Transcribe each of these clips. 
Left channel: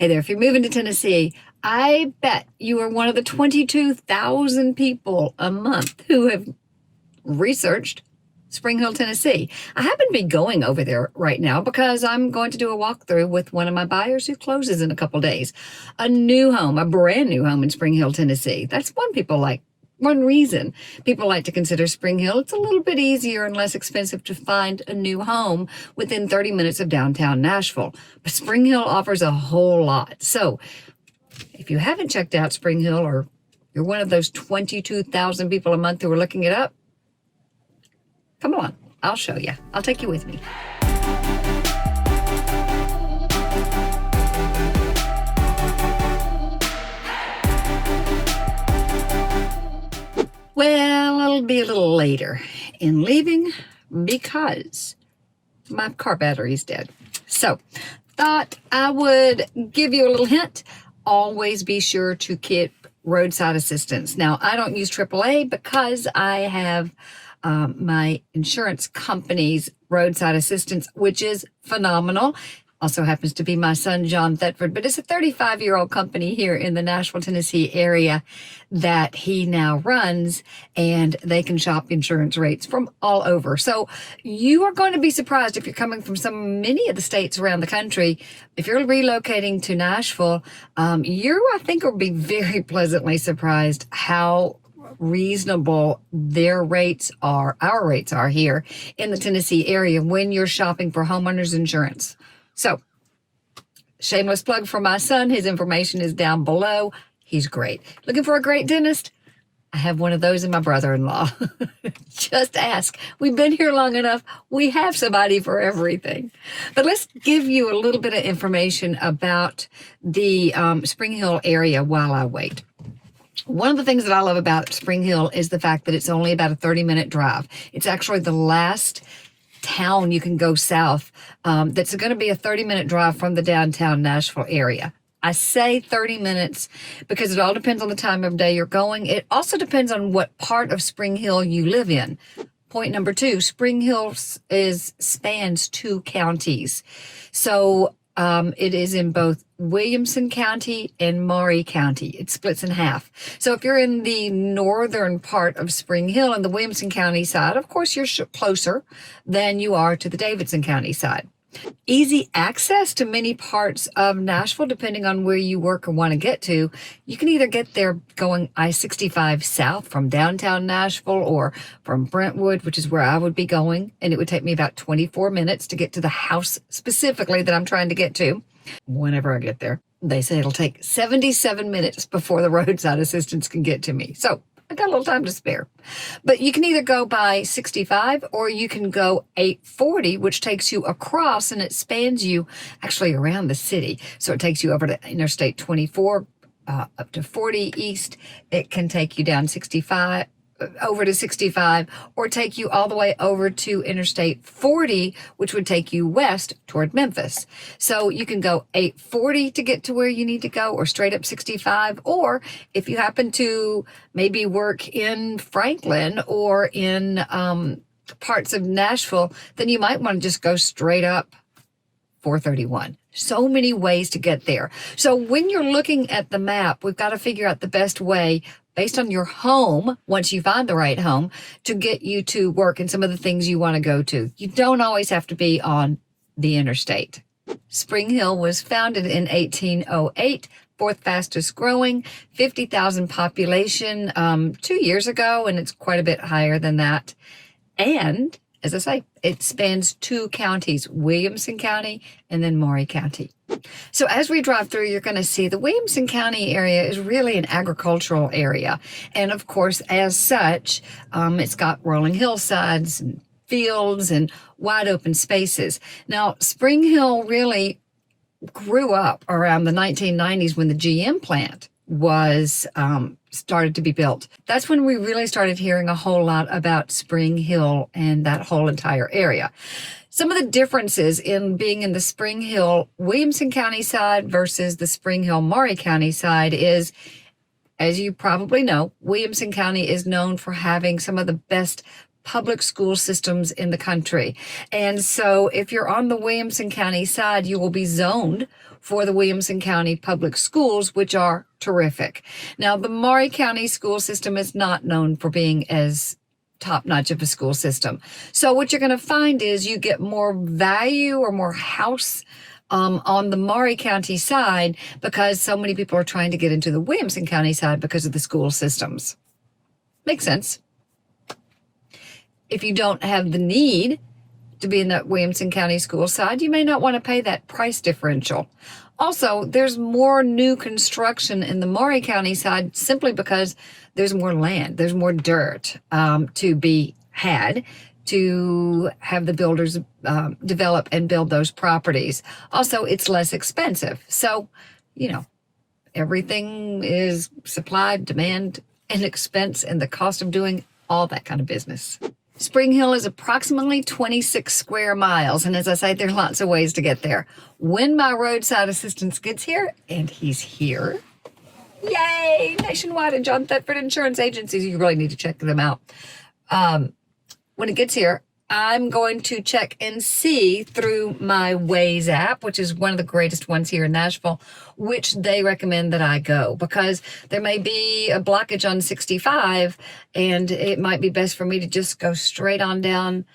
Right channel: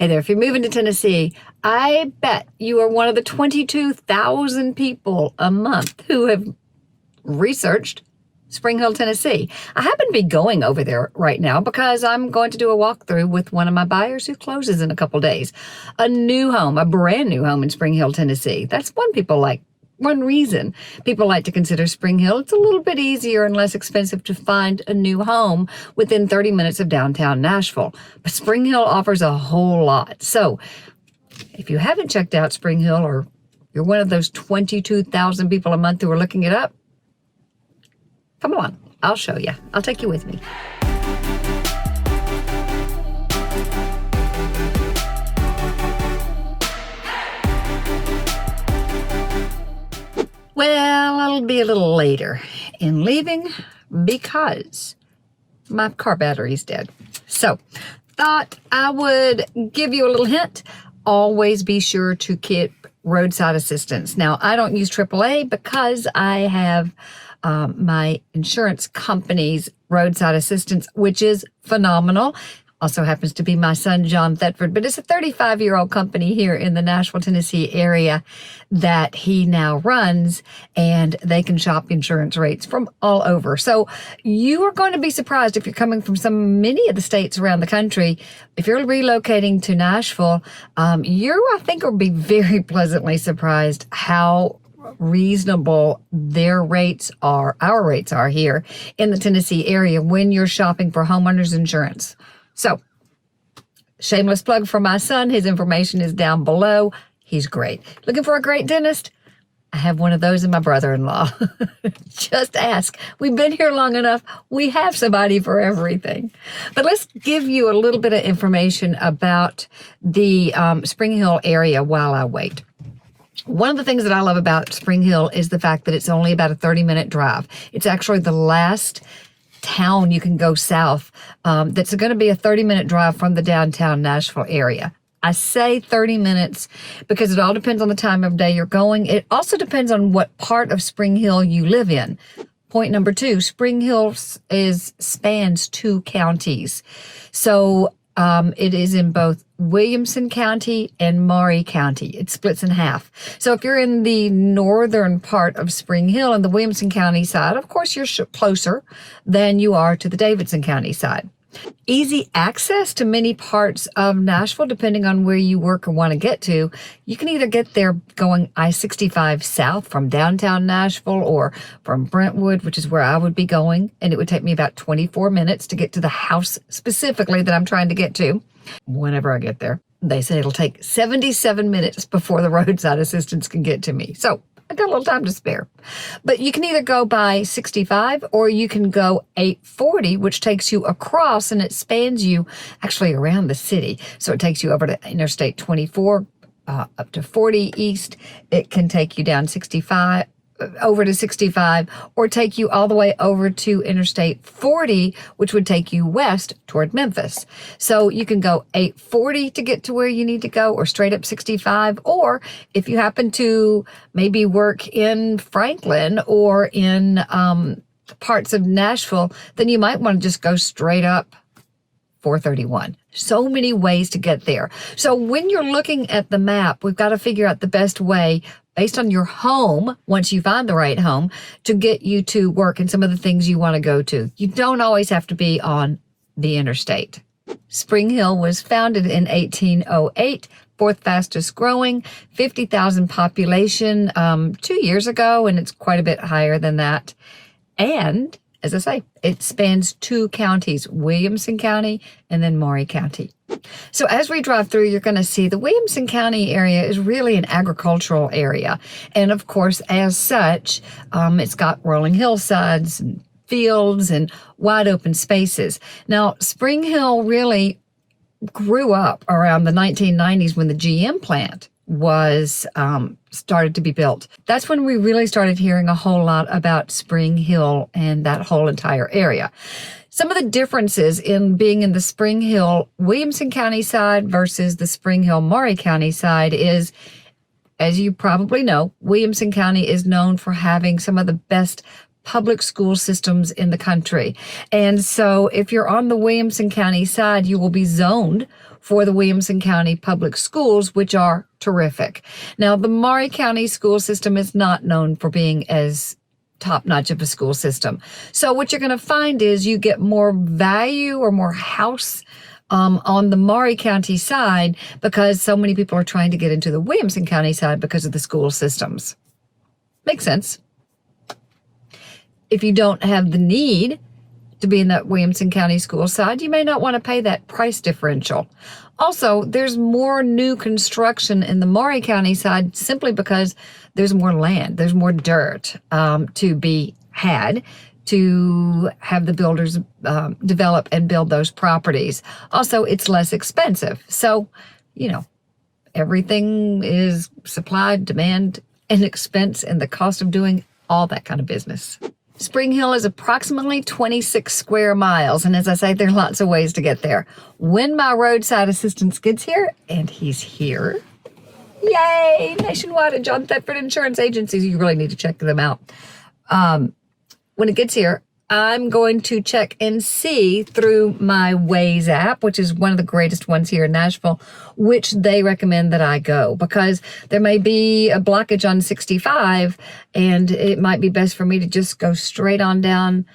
Hey there, if you're moving to Tennessee, I bet you are one of the 22,000 people a month who have researched Spring Hill, Tennessee. I happen to be going over there right now because I'm going to do a walkthrough with one of my buyers who closes in a couple days. A new home, a brand new home in Spring Hill, Tennessee. That's one reason people like to consider Spring Hill. It's a little bit easier and less expensive to find a new home within 30 minutes of downtown Nashville. But Spring Hill offers a whole lot. So if you haven't checked out Spring Hill, or you're one of those 22,000 people a month who are looking it up, come along. I'll show you. I'll take you with me. Well, it'll be a little later in leaving because my car battery's dead. So, thought I would give you a little hint. Always be sure to keep roadside assistance. Now, I don't use AAA because I have my insurance company's roadside assistance, which is phenomenal. Also happens to be my son, John Thetford, but it's a 35-year-old company here in the Nashville, Tennessee area that he now runs, and they can shop insurance rates from all over. So you are going to be surprised if you're coming from many of the states around the country. If you're relocating to Nashville, I think, will be very pleasantly surprised how reasonable our rates are here in the Tennessee area when you're shopping for homeowners insurance. So, shameless plug for my son. His information is down below. He's great. Looking for a great dentist? I have one of those in my brother-in-law. Just ask. We've been here long enough. We have somebody for everything. But let's give you a little bit of information about the Spring Hill area while I wait. One of the things that I love about Spring Hill is the fact that it's only about a 30-minute drive. It's actually the last town you can go south that's going to be a 30-minute drive from the downtown Nashville area. I say 30 minutes because it all depends on the time of day you're going. It also depends on what part of Spring Hill you live in. Point number 2, Spring Hill spans 2 counties. So it is in both Williamson County and Maury County. It splits in half. So if you're in the northern part of Spring Hill and the Williamson County side, of course, you're closer than you are to the Davidson County side. Easy access to many parts of Nashville, depending on where you work or want to get to. You can either get there going I-65 south from downtown Nashville or from Brentwood, which is where I would be going. And it would take me about 24 minutes to get to the house specifically that I'm trying to get to whenever I get there. They say it'll take 77 minutes before the roadside assistance can get to me. So I got a little time to spare. But you can either go by 65 or you can go 840, which takes you across, and it spans you actually around the city. So it takes you over to Interstate 24, up to 40 east. It can take you down 65, over to 65, or take you all the way over to Interstate 40, which would take you west toward Memphis. So you can go 840 to get to where you need to go, or straight up 65. Or if you happen to maybe work in Franklin or in parts of Nashville, then you might want to just go straight up 431. So many ways to get there. So when you're looking at the map, we've got to figure out the best way based on your home, once you find the right home, to get you to work and some of the things you want to go to. You don't always have to be on the interstate. Spring Hill was founded in 1808, 4th fastest growing, 50,000 population 2 years ago, and it's quite a bit higher than that. And as I say, it spans 2 counties, Williamson County and then Maury County. So as we drive through, you're going to see the Williamson County area is really an agricultural area. And of course, as such, it's got rolling hillsides and fields and wide open spaces. Now, Spring Hill really grew up around the 1990s when the GM plant was started to be built. That's when we really started hearing a whole lot about Spring Hill and that whole entire area. Some of the differences in being in the Spring Hill Williamson County side versus the Spring Hill Maury County side is, as you probably know, Williamson County is known for having some of the best public school systems in the country. And so if you're on the Williamson County side, you will be zoned for the Williamson County Public Schools, which are terrific. Now, the Maury County school system is not known for being as top-notch of a school system. So what you're going to find is you get more value or more house on the Maury County side because so many people are trying to get into the Williamson County side because of the school systems. Makes sense. If you don't have the need to be in that Williamson County school side, you may not want to pay that price differential. Also, there's more new construction in the Maury County side simply because there's more land, there's more dirt to be had to have the builders develop and build those properties. Also, it's less expensive. So, you know, everything is supply, demand, and expense, and the cost of doing all that kind of business. Spring Hill is approximately 26 square miles, and as I say, there are lots of ways to get there. When my roadside assistance gets here, and he's here, yay, Nationwide and John Thetford Insurance Agencies, you really need to check them out. When it gets here, I'm going to check and see through my Waze app, which is one of the greatest ones here in Nashville, which they recommend that I go because there may be a blockage on 65 and it might be best for me to just go straight on down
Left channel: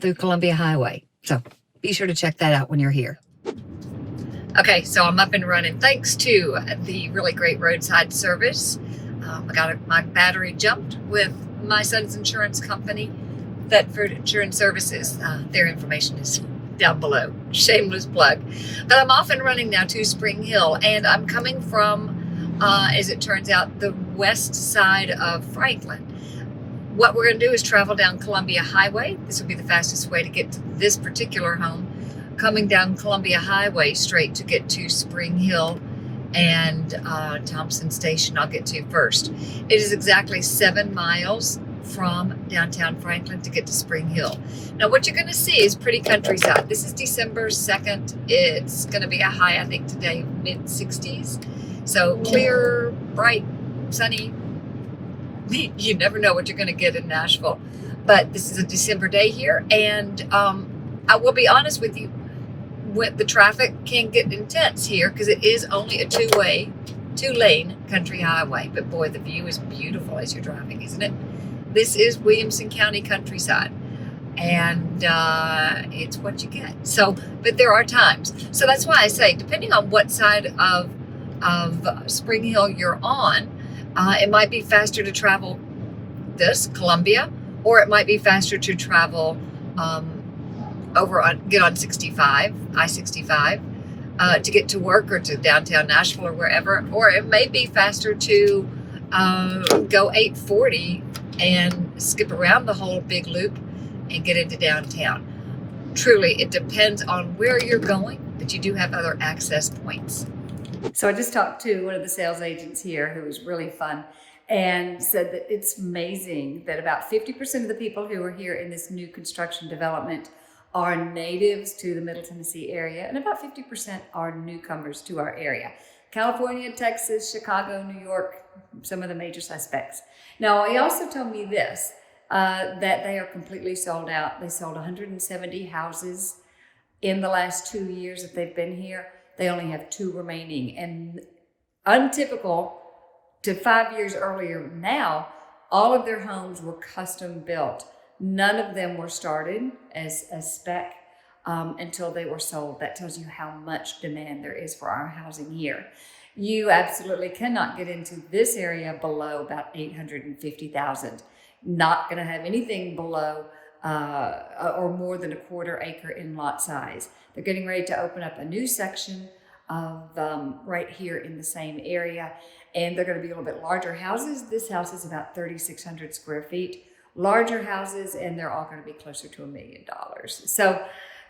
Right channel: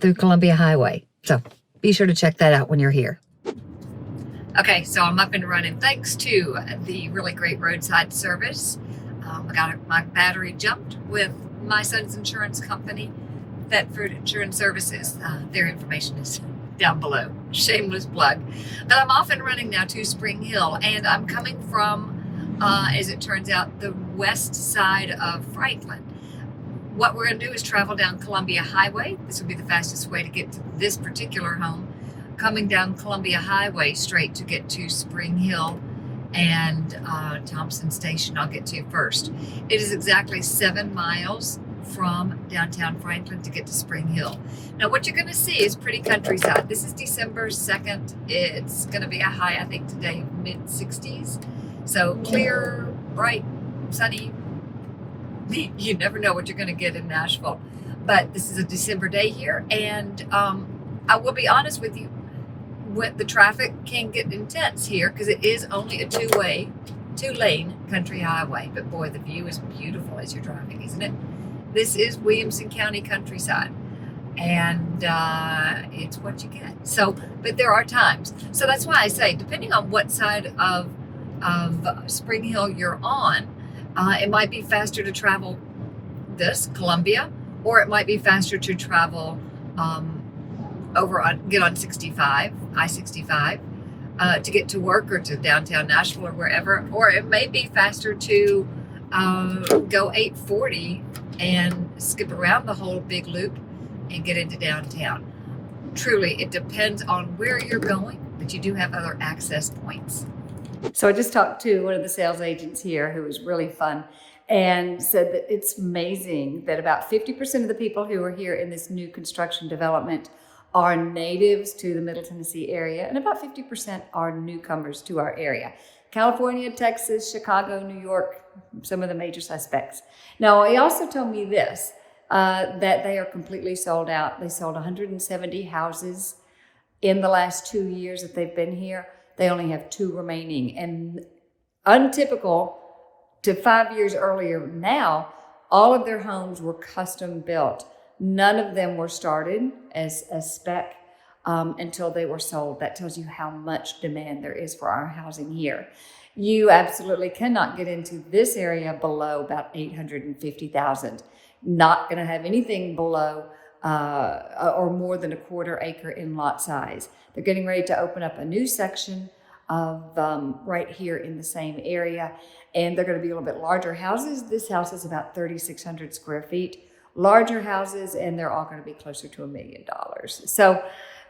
through Columbia Highway. So be sure to check that out when you're here. Okay, so I'm up and running. Thanks to the really great roadside service. I got my battery jumped with my son's insurance company, Thetford Insurance Services. Their information is down below. Shameless plug. But I'm off and running now to Spring Hill, and I'm coming from, as it turns out, the west side of Franklin. What we're going to do is travel down Columbia Highway. This will be the fastest way to get to this particular home. Coming down Columbia Highway straight to get to Spring Hill and Thompson Station I'll get to first. It is exactly 7 miles from downtown Franklin to get to Spring Hill. Now what you're going to see is pretty countryside. This is December 2nd. It's going to be a high, I think today, mid-60s. So clear, bright, sunny. You never know what you're going to get in Nashville. But this is a December day here, and I will be honest with you, when the traffic can get intense here because it is only a two-lane country highway. But boy, the view is beautiful as you're driving, isn't it? This is Williamson County countryside, and it's what you get. So, but there are times. So that's why I say, depending on what side of Spring Hill you're on, it might be faster to travel this Columbia, or it might be faster to travel get on 65, I-65, to get to work or to downtown Nashville or wherever, or it may be faster to go 840 and skip around the whole big loop and get into downtown. Truly, it depends on where you're going, but you do have other access points. So I just talked to one of the sales agents here who was really fun and said that it's amazing that about 50% of the people who are here in this new construction development are natives to the Middle Tennessee area, and about 50% are newcomers to our area. California, Texas, Chicago, New York, some of the major suspects. Now, he also told me this, that they are completely sold out. They sold 170 houses in the last 2 years that they've been here. They only have 2 remaining, and untypical to 5 years earlier now, all of their homes were custom built. None of them were started as a spec until they were sold. That tells you how much demand there is for our housing here. You absolutely cannot get into this area below about 850,000. Not going to have anything below or more than a quarter acre in lot size. They're getting ready to open up a new section of right here in the same area, and they're going to be a little bit larger houses. This house is about 3,600 square feet. Larger houses, and they're all going to be closer to $1 million. So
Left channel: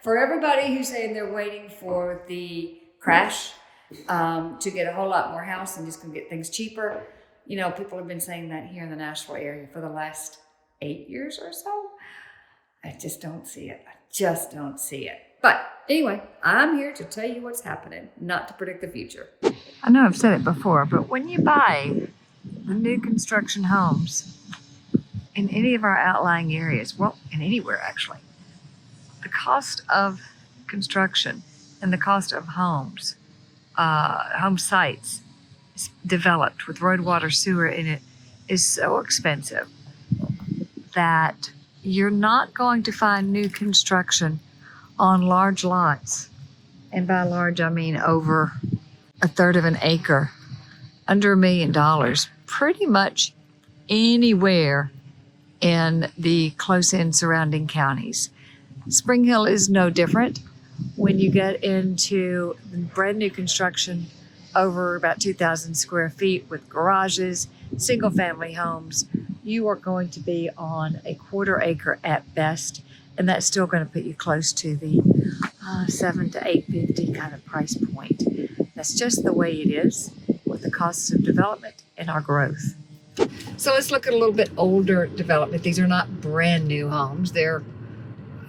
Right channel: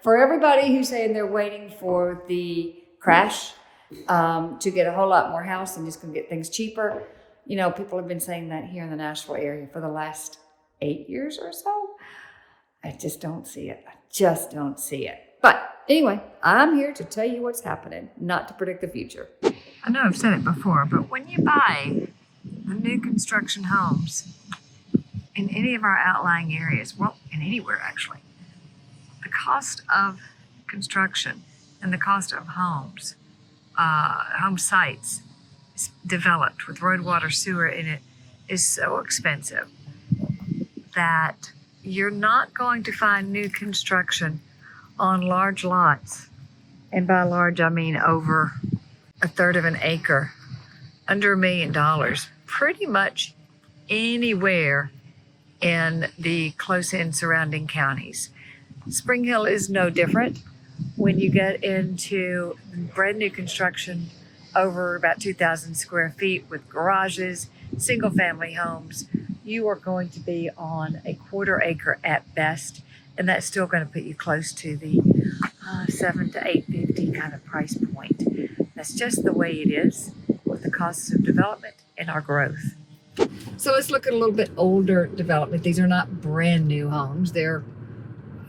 for everybody who's saying they're waiting for the crash to get a whole lot more house and just going to get things cheaper, you know, people have been saying that here in the Nashville area for the last 8 years or so. I just don't see it. I just don't see it. But anyway, I'm here to tell you what's happening, not to predict the future. I know I've said it before, but when you buy the new construction homes in any of our outlying areas, well, in anywhere actually, the cost of construction and the cost of homes home sites developed with road, water, sewer in it is so expensive that you're not going to find new construction on large lots. And by large, I mean over a third of an acre, under $1 million, pretty much anywhere in the close-in surrounding counties. Spring Hill is no different. When you get into brand new construction over about 2,000 square feet with garages, single family homes, you are going to be on a quarter acre at best, and that's still going to put you close to the $7 to $850 kind of price point. That's just the way it is with the costs of development and our growth. So let's look at a little bit older development. These are not brand new homes. They're,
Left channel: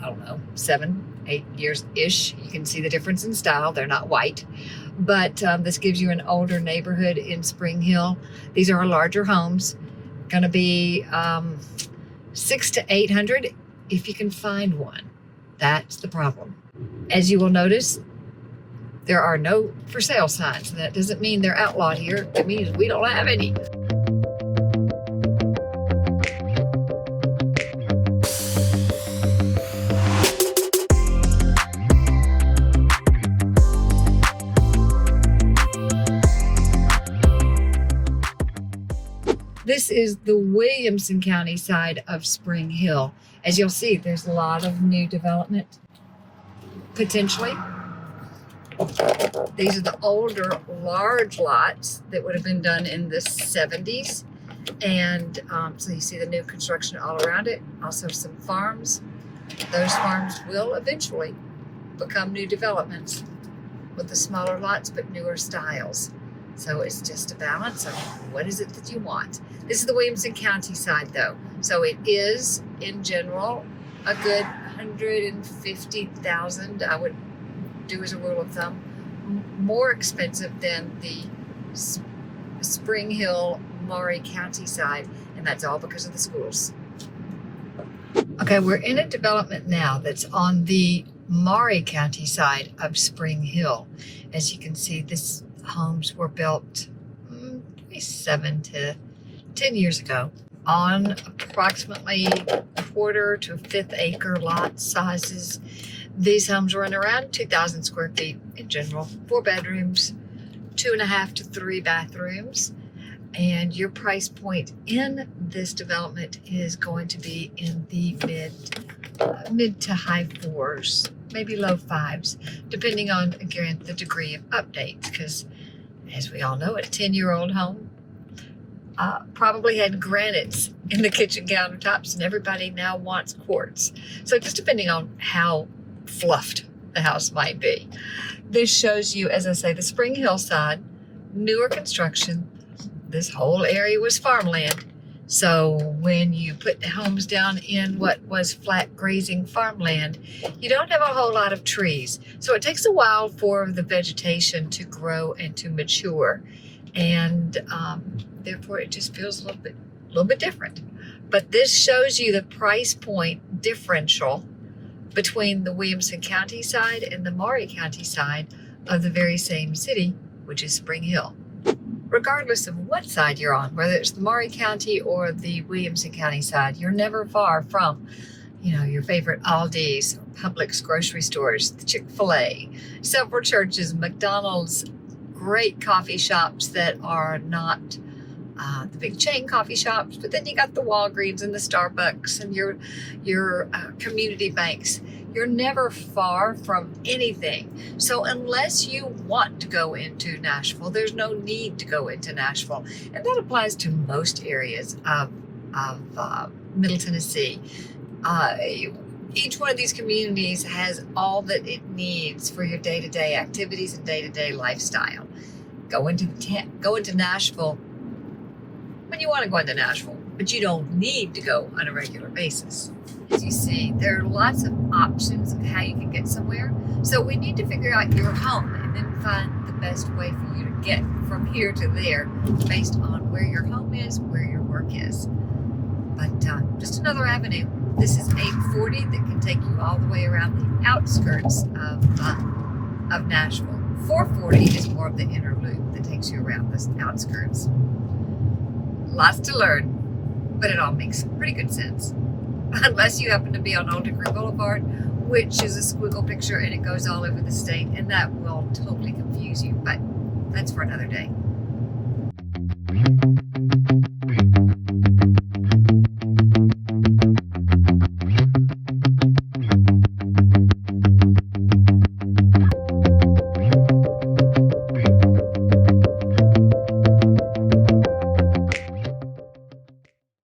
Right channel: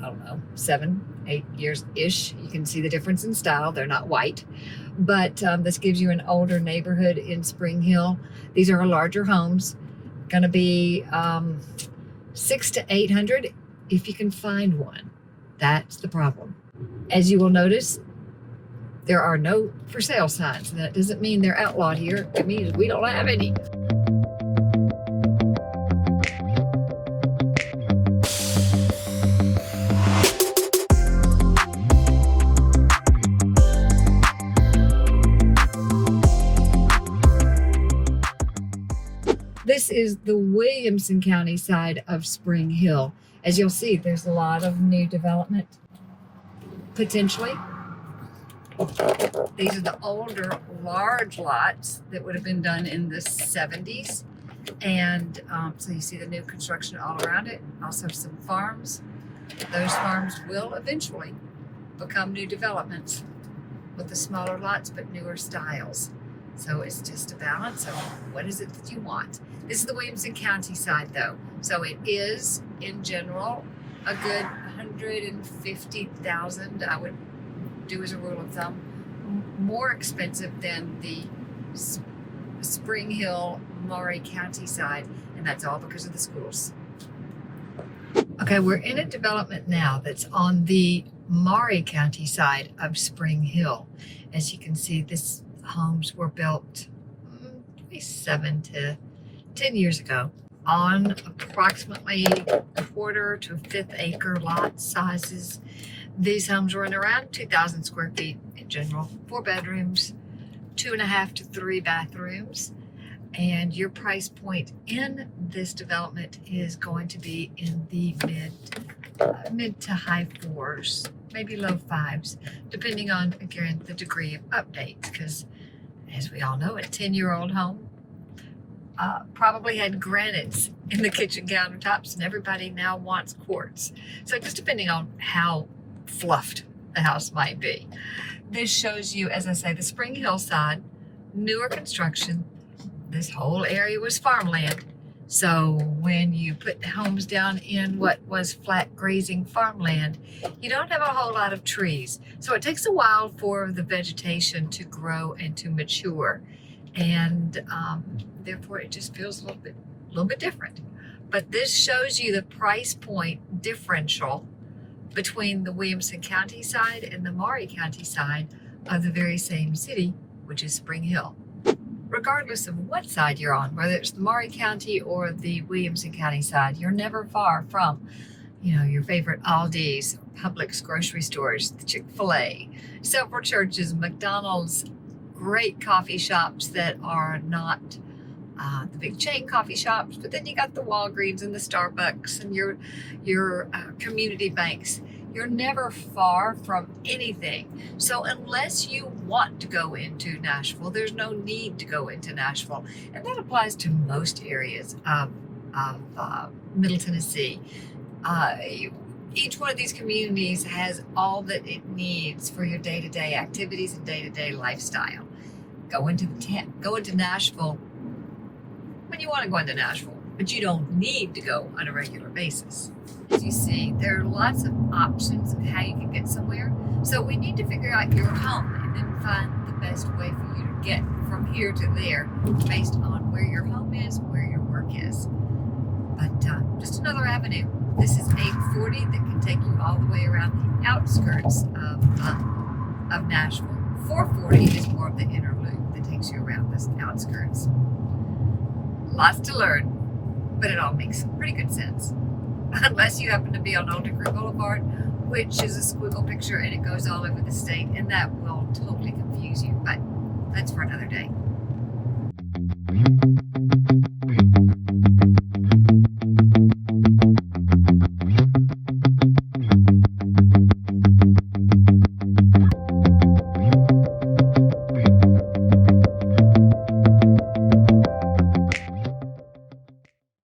I don't know, 7, 8 years-ish. You can see the difference in style. They're not white. But this gives you an older neighborhood in Spring Hill. These are larger homes. Going to be 600 to 800 if you can find one. That's the problem. As you will notice, there are no for sale signs. That doesn't mean they're outlawed here. It means we don't have any. This is the Williamson County side of Spring Hill. As you'll see, there's a lot of new development, potentially. These are the older, large lots that would have been done in the 70s. And so you see the new construction all around it. Also some farms. Those farms will eventually become new developments with the smaller lots, but newer styles. So it's just a balance of what is it that you want. This is the Williamson County side though. So it is, in general, a good $150,000, I would do as a rule of thumb, more expensive than the Spring Hill, Maury County side, and that's all because of the schools. Okay, we're in a development now that's on the Maury County side of Spring Hill. As you can see, these homes were built 7 to 10 years ago on approximately a quarter to a fifth acre lot sizes. These homes run around 2,000 square feet in general, 4 bedrooms, 2.5 to 3 bathrooms. And your price point in this development is going to be in the mid to high 4s, maybe low 5s, depending on, again, the degree of update. Because as we all know, a 10-year-old home probably had granites in the kitchen countertops, and everybody now wants quartz. So just depending on how fluffed the house might be. This shows you, as I say, the Spring Hill side, newer construction. This whole area was farmland. So when you put the homes down in what was flat grazing farmland, you don't have a whole lot of trees. So it takes a while for the vegetation to grow and to mature. And therefore it just feels a little bit different. But this shows you the price point differential between the Williamson County side and the Maury County side of the very same city, which is Spring Hill. Regardless of what side you're on, whether it's the Maury County or the Williamson County side, you're never far from, your favorite Aldi's, Publix grocery stores, the Chick-fil-A, several churches, McDonald's, great coffee shops that are not the big chain coffee shops, but then you got the Walgreens and the Starbucks and your community banks. You're never far from anything. So unless you want to go into Nashville, there's no need to go into Nashville. And that applies to most areas of Middle Tennessee. Each one of these communities has all that it needs for your day-to-day activities and day-to-day lifestyle. Go into Nashville when you want to go into Nashville, but you don't need to go on a regular basis. As you see, there are lots of options of how you can get somewhere. So we need to figure out your home and then find the best way for you to get from here to there based on where your home is, where your work is. But just another avenue. This is 840 that can take you all the way around the outskirts of Nashville 440 is more of the inner loop that takes you around the outskirts. Lots to learn, but it all makes pretty good sense. Unless you happen to be on Old Hickory Boulevard, which is a squiggle picture and it goes all over the state, and that will totally confuse you, but that's for another day.